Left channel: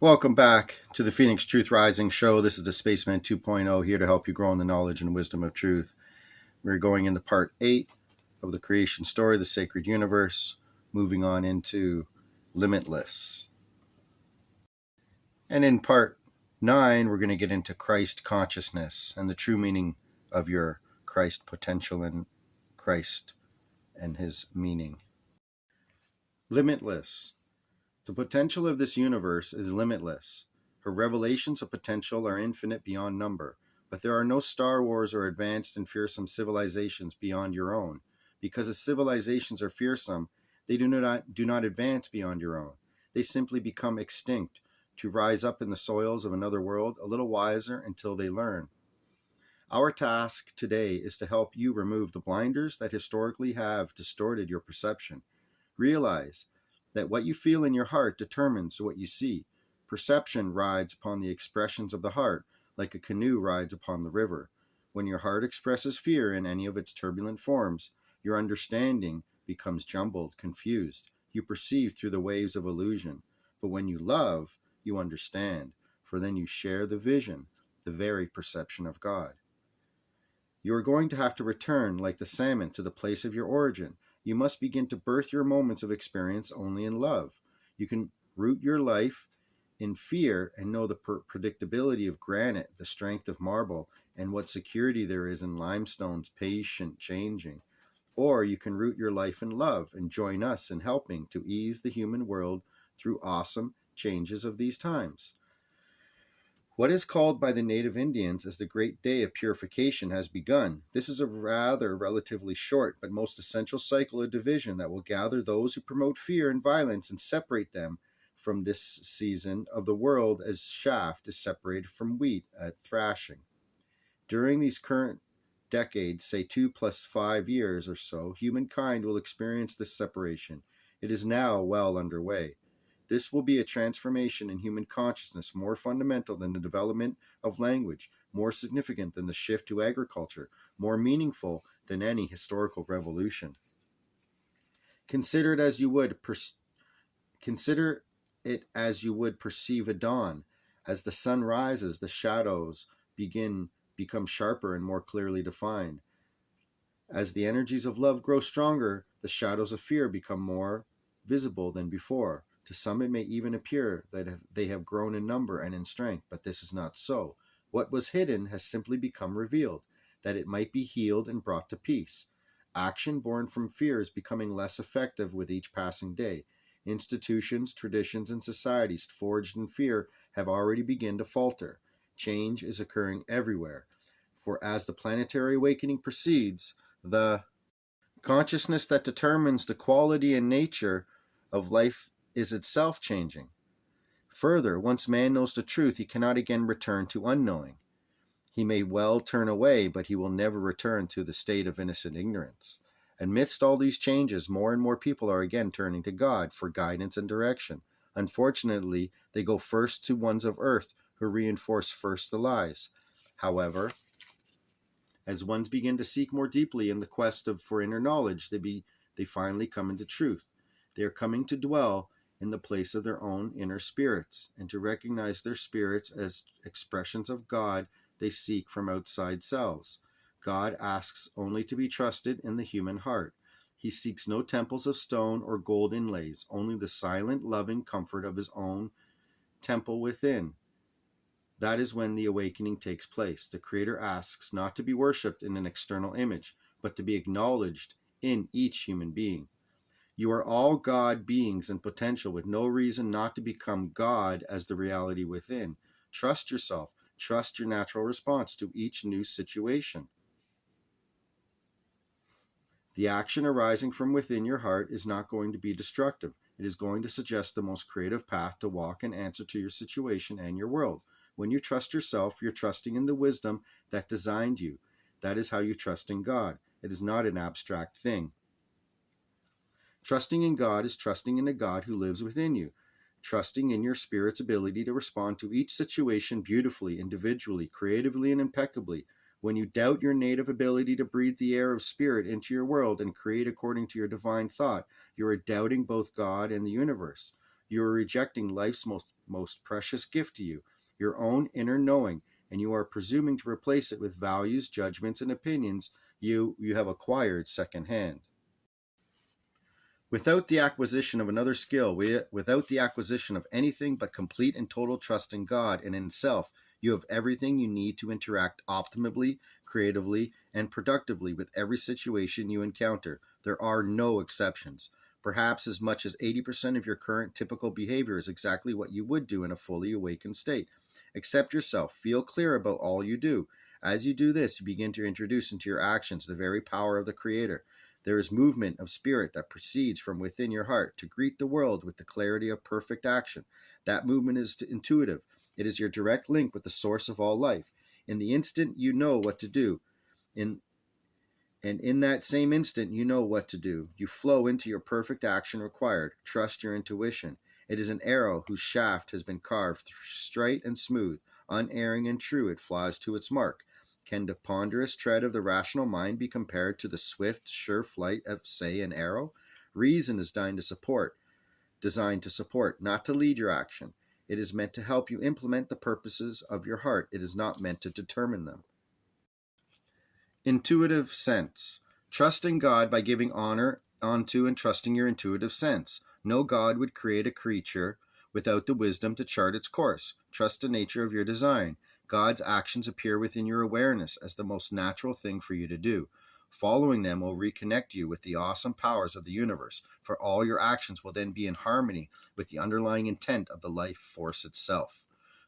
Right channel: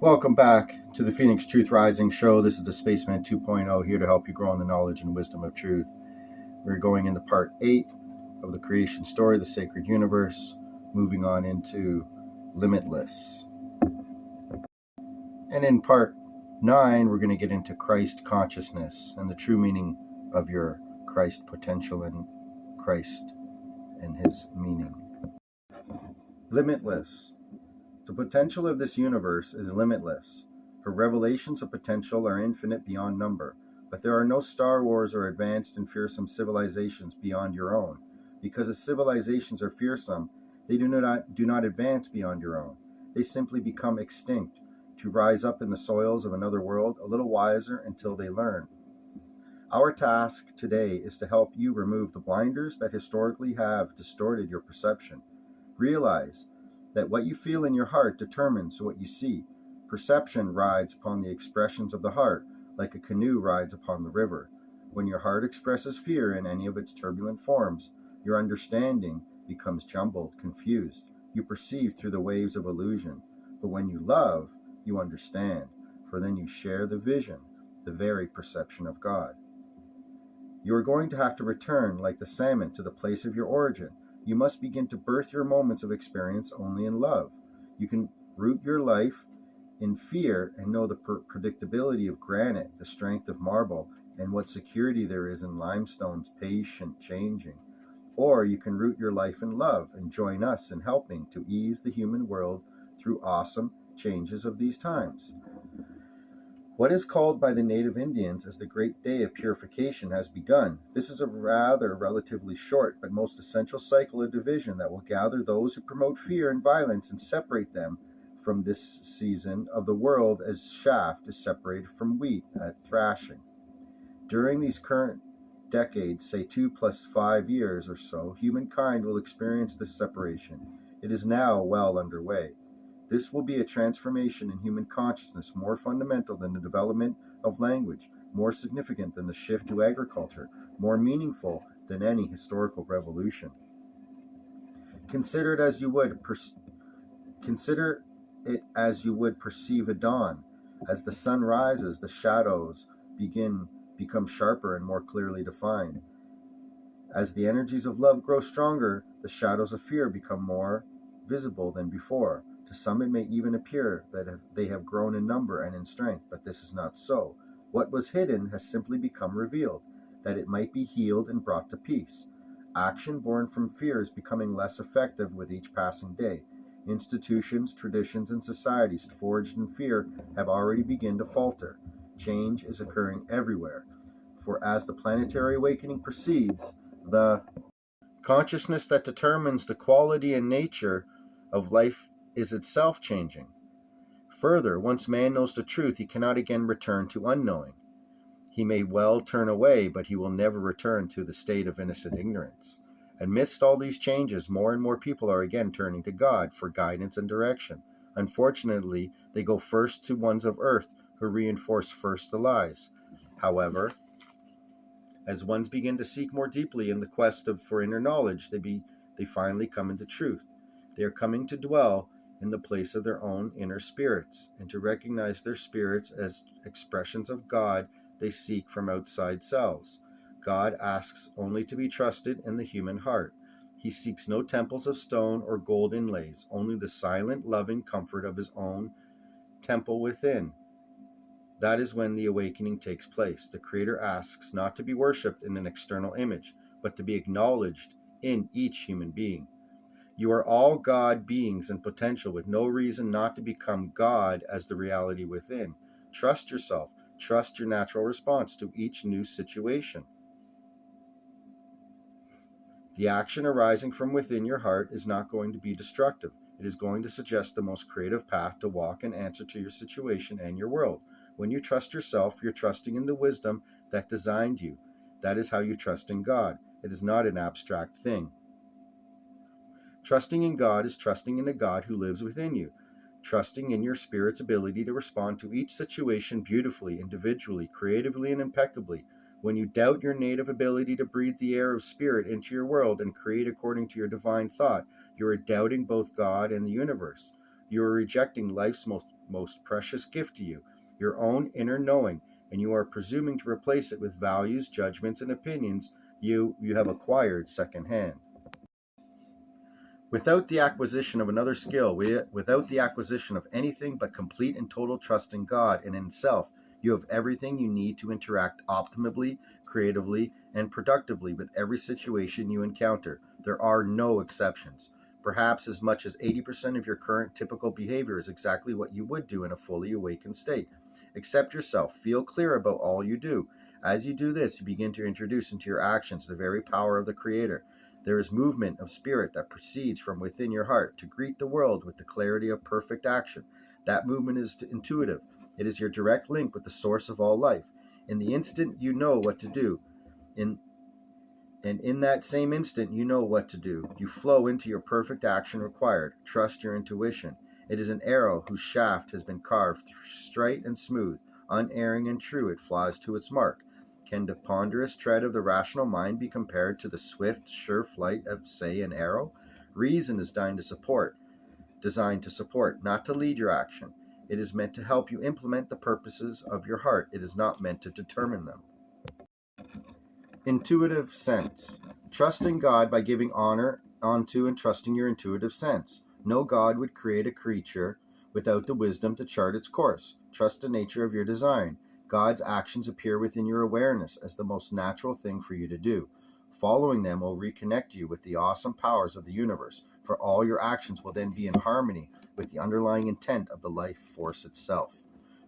Welcome back to the Phoenix Truth Rising Show. This is the Spaceman 2.0 here to help you grow in the knowledge and wisdom of truth. We're going into part 8 of the creation story, the sacred universe, moving on into limitless. And in part 9, we're going to get into Christ consciousness and the true meaning of your Christ potential and Christ and his meaning. Limitless. The potential of this universe is limitless. Her revelations of potential are infinite beyond number, but there are no Star Wars or advanced and fearsome civilizations beyond your own. Because as civilizations are fearsome, they do not advance beyond your own. They simply become extinct, to rise up in the soils of another world a little wiser until they learn. Our task today is to help you remove the blinders that historically have distorted your perception. Realize that what you feel in your heart determines what you see. Perception rides upon the expressions of the heart, like a canoe rides upon the river. When your heart expresses fear in any of its turbulent forms, your understanding becomes jumbled, confused. You perceive through the waves of illusion. But when you love, you understand, for then you share the vision, the very perception of God. You are going to have to return, like the salmon, to the place of your origin. You must begin to birth your moments of experience only in love. You can root your life in fear and know the predictability of granite, the strength of marble, and what security there is in limestone's patient changing. Or you can root your life in love and join us in helping to ease the human world through awesome changes of these times. What is called by the native Indians as the Great Day of Purification has begun. This is a relatively short but most essential cycle of division that will gather those who promote fear and violence and separate them from this season of the world as chaff is separated from wheat at thrashing. During these current decades, say 2 + 5 years or so, humankind will experience this separation. It is now well underway. This will be a transformation in human consciousness more fundamental than the development of language, more significant than the shift to agriculture, more meaningful than any historical revolution. Consider it as you would perceive a dawn. As the sun rises, the shadows become sharper and more clearly defined. As the energies of love grow stronger, the shadows of fear become more visible than before. To some it may even appear that they have grown in number and in strength, but this is not so. What was hidden has simply become revealed, that it might be healed and brought to peace. Action born from fear is becoming less effective with each passing day. Institutions, traditions, and societies forged in fear have already begun to falter. Change is occurring everywhere. For as the planetary awakening proceeds, the consciousness that determines the quality and nature of life is itself changing. Further, once man knows the truth, he cannot again return to unknowing. He may well turn away, but he will never return to the state of innocent ignorance. Amidst all these changes, more and more people are again turning to God for guidance and direction. Unfortunately, they go first to ones of earth who reinforce first the lies. However, as ones begin to seek more deeply in the quest for inner knowledge, they finally come into truth. They are coming to dwell in the place of their own inner spirits, and to recognize their spirits as expressions of God they seek from outside selves. God asks only to be trusted in the human heart. He seeks no temples of stone or gold inlays, only the silent, loving comfort of his own temple within. That is when the awakening takes place. The Creator asks not to be worshipped in an external image, but to be acknowledged in each human being. You are all God beings in potential with no reason not to become God as the reality within. Trust yourself. Trust your natural response to each new situation. The action arising from within your heart is not going to be destructive. It is going to suggest the most creative path to walk and answer to your situation and your world. When you trust yourself, you're trusting in the wisdom that designed you. That is how you trust in God. It is not an abstract thing. Trusting in God is trusting in a God who lives within you. Trusting in your spirit's ability to respond to each situation beautifully, individually, creatively, and impeccably. When you doubt your native ability to breathe the air of spirit into your world and create according to your divine thought, you are doubting both God and the universe. You are rejecting life's most most precious gift to you, your own inner knowing, and you are presuming to replace it with values, judgments, and opinions you have acquired secondhand. Without the acquisition of another skill, without the acquisition of anything but complete and total trust in God and in self, you have everything you need to interact optimally, creatively, and productively with every situation you encounter. There are no exceptions. Perhaps as much as 80% of your current typical behavior is exactly what you would do in a fully awakened state. Accept yourself. Feel clear about all you do. As you do this, you begin to introduce into your actions the very power of the Creator. There is movement of spirit that proceeds from within your heart to greet the world with the clarity of perfect action. That movement is intuitive. It is your direct link with the source of all life. In the instant you know what to do, in that same instant you know what to do. You flow into your perfect action required. Trust your intuition. It is an arrow whose shaft has been carved straight and smooth, unerring and true. It flies to its mark. Can the ponderous tread of the rational mind be compared to the swift, sure flight of, say, an arrow? Reason is designed to support, not to lead your action. It is meant to help you implement the purposes of your heart. It is not meant to determine them. Intuitive sense. Trust in God by giving honor unto and trusting your intuitive sense. No God would create a creature without the wisdom to chart its course. Trust the nature of your design. God's actions appear within your awareness as the most natural thing for you to do. Following them will reconnect you with the awesome powers of the universe, for all your actions will then be in harmony with the underlying intent of the life force itself.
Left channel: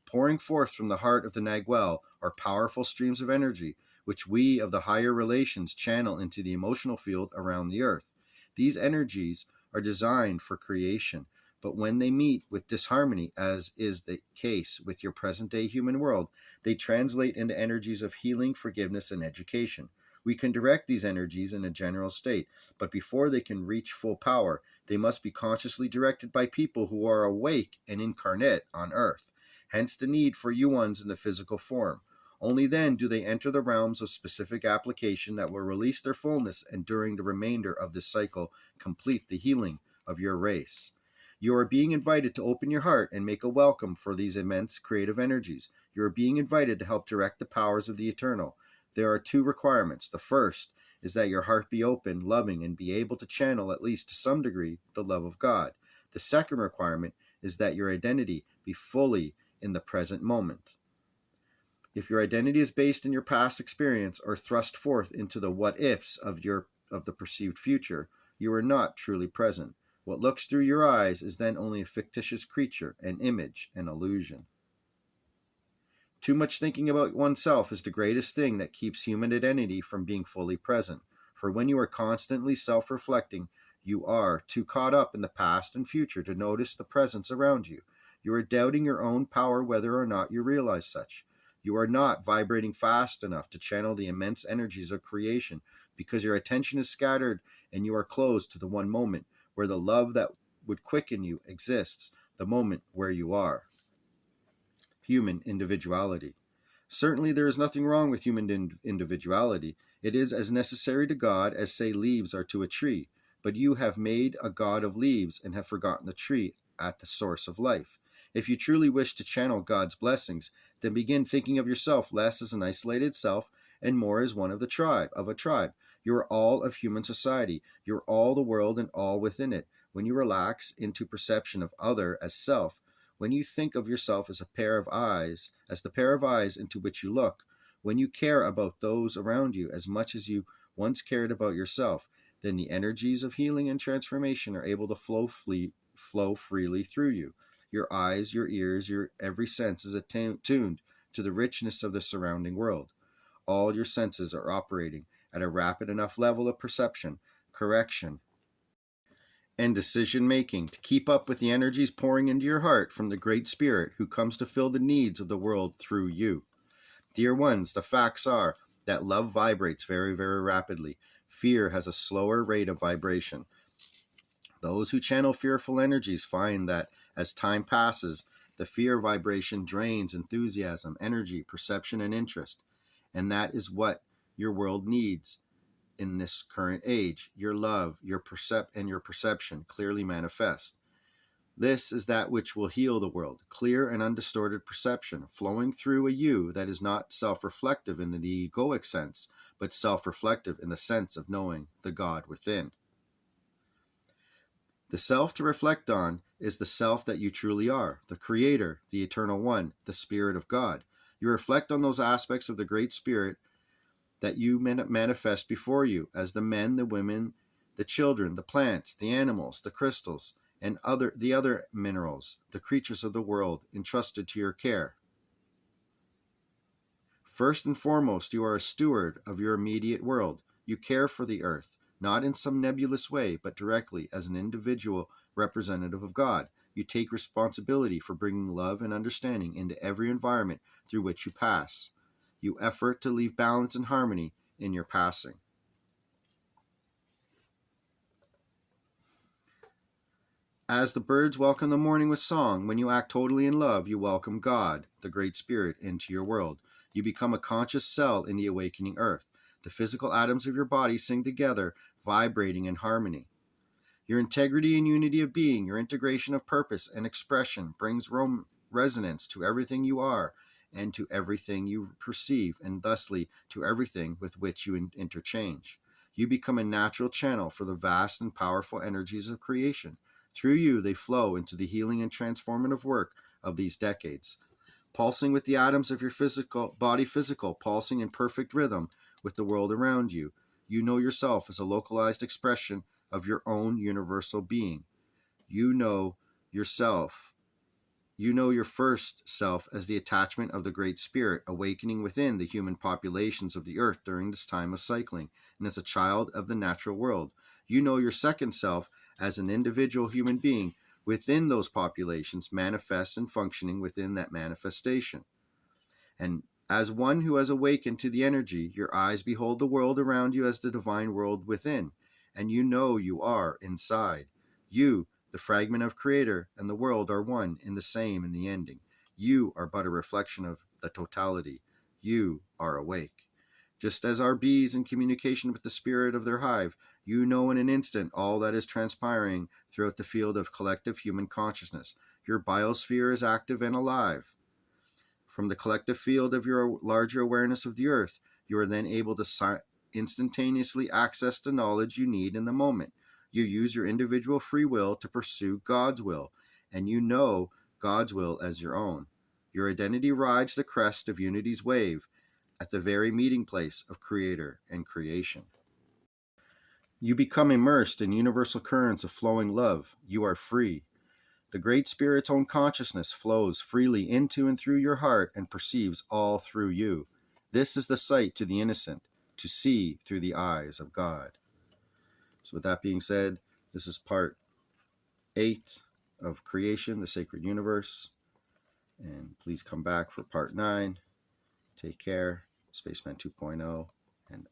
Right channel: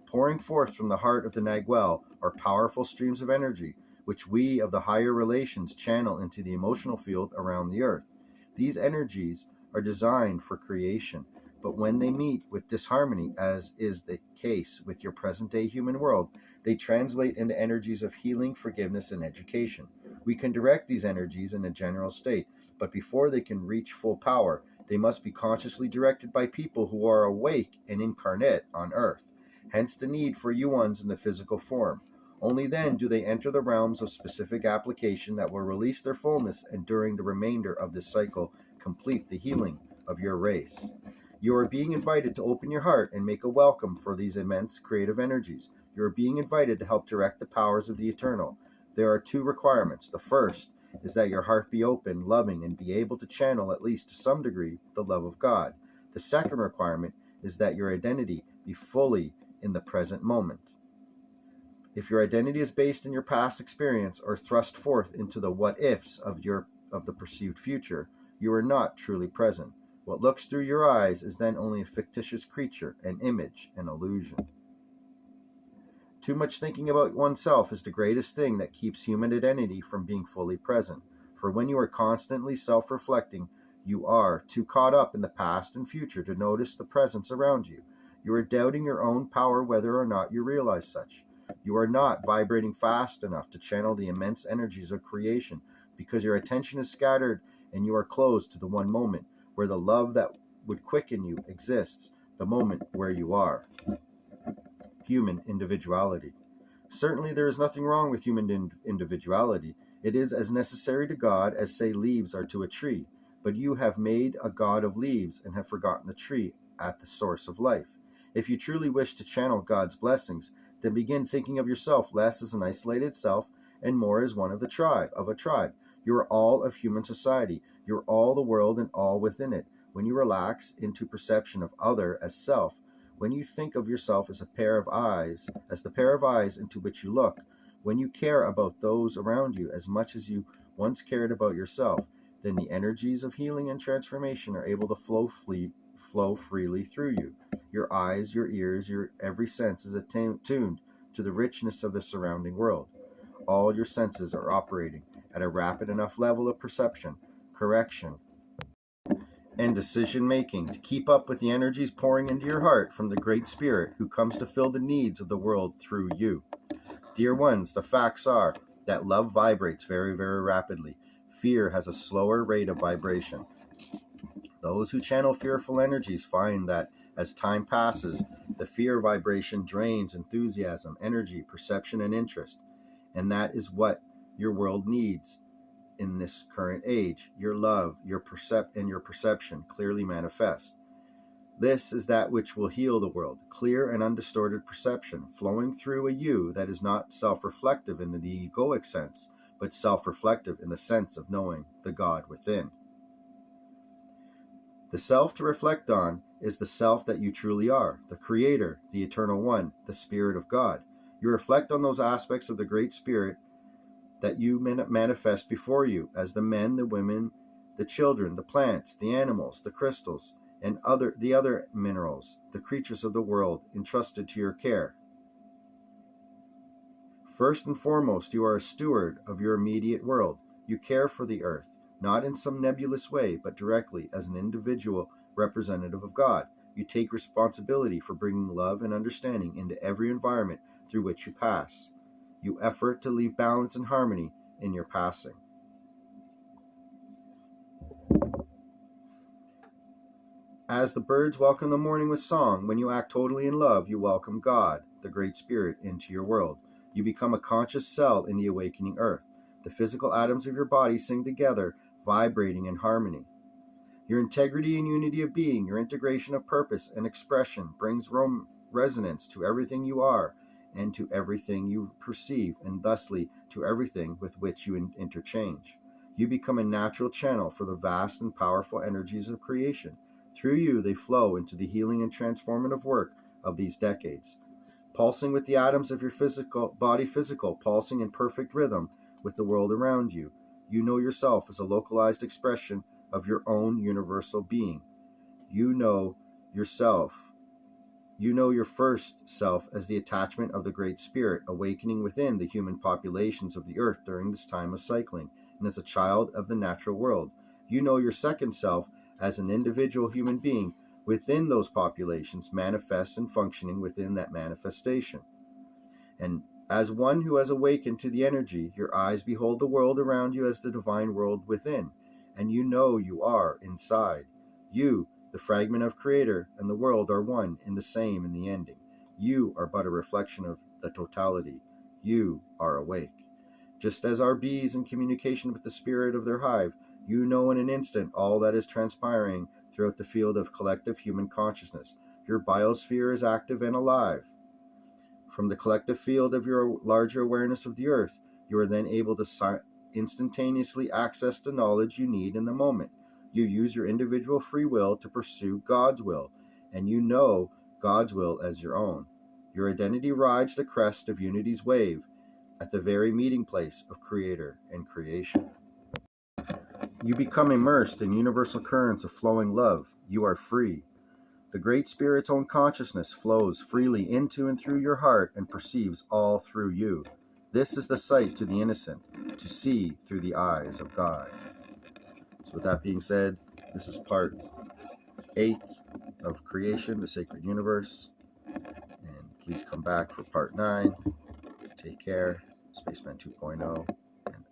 Pouring forth from the heart of the Nagual are powerful streams of energy, which we of the higher relations channel into the emotional field around the earth. These energies are designed for creation, but when they meet with disharmony, as is the case with your present-day human world, they translate into energies of healing, forgiveness, and education. We can direct these energies in a general state, but before they can reach full power, they must be consciously directed by people who are awake and incarnate on earth. Hence the need for yuans in the physical form. Only then do they enter the realms of specific application that will release their fullness and during the remainder of this cycle complete the healing of your race. You are being invited to open your heart and make a welcome for these immense creative energies. You are being invited to help direct the powers of the eternal. There are two requirements. The first is that your heart be open, loving, and be able to channel, at least to some degree, the love of God. The second requirement is that your identity be fully in the present moment. If your identity is based in your past experience or thrust forth into the what-ifs of the perceived future, you are not truly present. What looks through your eyes is then only a fictitious creature, an image, an illusion. Too much thinking about oneself is the greatest thing that keeps human identity from being fully present. For when you are constantly self-reflecting, you are too caught up in the past and future to notice the presence around you. You are doubting your own power whether or not you realize such. You are not vibrating fast enough to channel the immense energies of creation because your attention is scattered and you are closed to the one moment where the love that would quicken you exists, the moment where you are. Human individuality. Certainly there is nothing wrong with human individuality. It is as necessary to God as, say, leaves are to a tree. But you have made a god of leaves and have forgotten the tree at the source of life. If you truly wish to channel God's blessings, then begin thinking of yourself less as an isolated self and more as one of a tribe. You are all of human society. You are all the world and all within it. When you relax into perception of other as self, when you think of yourself as the pair of eyes into which you look, when you care about those around you as much as you once cared about yourself, then the energies of healing and transformation are able to flow freely through you. Your eyes, your ears, your every sense is attuned to the richness of the surrounding world. All your senses are operating at a rapid enough level of perception, correction, and decision-making to keep up with the energies pouring into your heart from the Great Spirit who comes to fill the needs of the world through you. Dear ones, the facts are that love vibrates very, very rapidly. Fear has a slower rate of vibration. Those who channel fearful energies find that as time passes, the fear vibration drains enthusiasm, energy, perception, and interest. And that is what your world needs in this current age. Your love, your perception clearly manifest. This is that which will heal the world, clear and undistorted perception, flowing through a you that is not self-reflective in the egoic sense, but self-reflective in the sense of knowing the God within. The self to reflect on is the self that you truly are, the Creator, the Eternal One, the Spirit of God. You reflect on those aspects of the Great Spirit that you manifest before you as the men, the women, the children, the plants, the animals, the crystals, and the other minerals, the creatures of the world entrusted to your care. First and foremost, you are a steward of your immediate world. You care for the earth, not in some nebulous way, but directly as an individual representative of God. You take responsibility for bringing love and understanding into every environment through which you pass. You effort to leave balance and harmony in your passing. As the birds welcome the morning with song, when you act totally in love, you welcome God, the Great Spirit, into your world. You become a conscious cell in the awakening earth. The physical atoms of your body sing together, vibrating in harmony. Your integrity and unity of being, your integration of purpose and expression brings resonance to everything you are and to everything you perceive, and thusly to everything with which you interchange. You become a natural channel for the vast and powerful energies of creation. Through you, they flow into the healing and transformative work of these decades. Pulsing with the atoms of your body, pulsing in perfect rhythm with the world around you. You know yourself as a localized expression of your own universal being. You know yourself. You know your first self as the attachment of the Great Spirit awakening within the human populations of the earth during this time of cycling, and as a child of the natural world. You know your second self as an individual human being within those populations, manifest and functioning within that manifestation. And as one who has awakened to the energy, your eyes behold the world around you as the divine world within, and you know you are inside. You, the fragment of Creator, and the world are one in the same in the ending. You are but a reflection of the totality. You are awake. Just as our bees in communication with the spirit of their hive, you know in an instant all that is transpiring throughout the field of collective human consciousness. Your biosphere is active and alive. From the collective field of your larger awareness of the earth, you are then able to instantaneously access the knowledge you need in the moment. You use your individual free will to pursue God's will, and you know God's will as your own. Your identity rides the crest of unity's wave at the very meeting place of Creator and creation. You become immersed in universal currents of flowing love. You are free. The Great Spirit's own consciousness flows freely into and through your heart and perceives all through you. This is the sight to the innocent, to see through the eyes of God. So with that being said, this is part 8 of Creation, the Sacred Universe. And please come back for part 9. Take care. Spaceman 2.0. And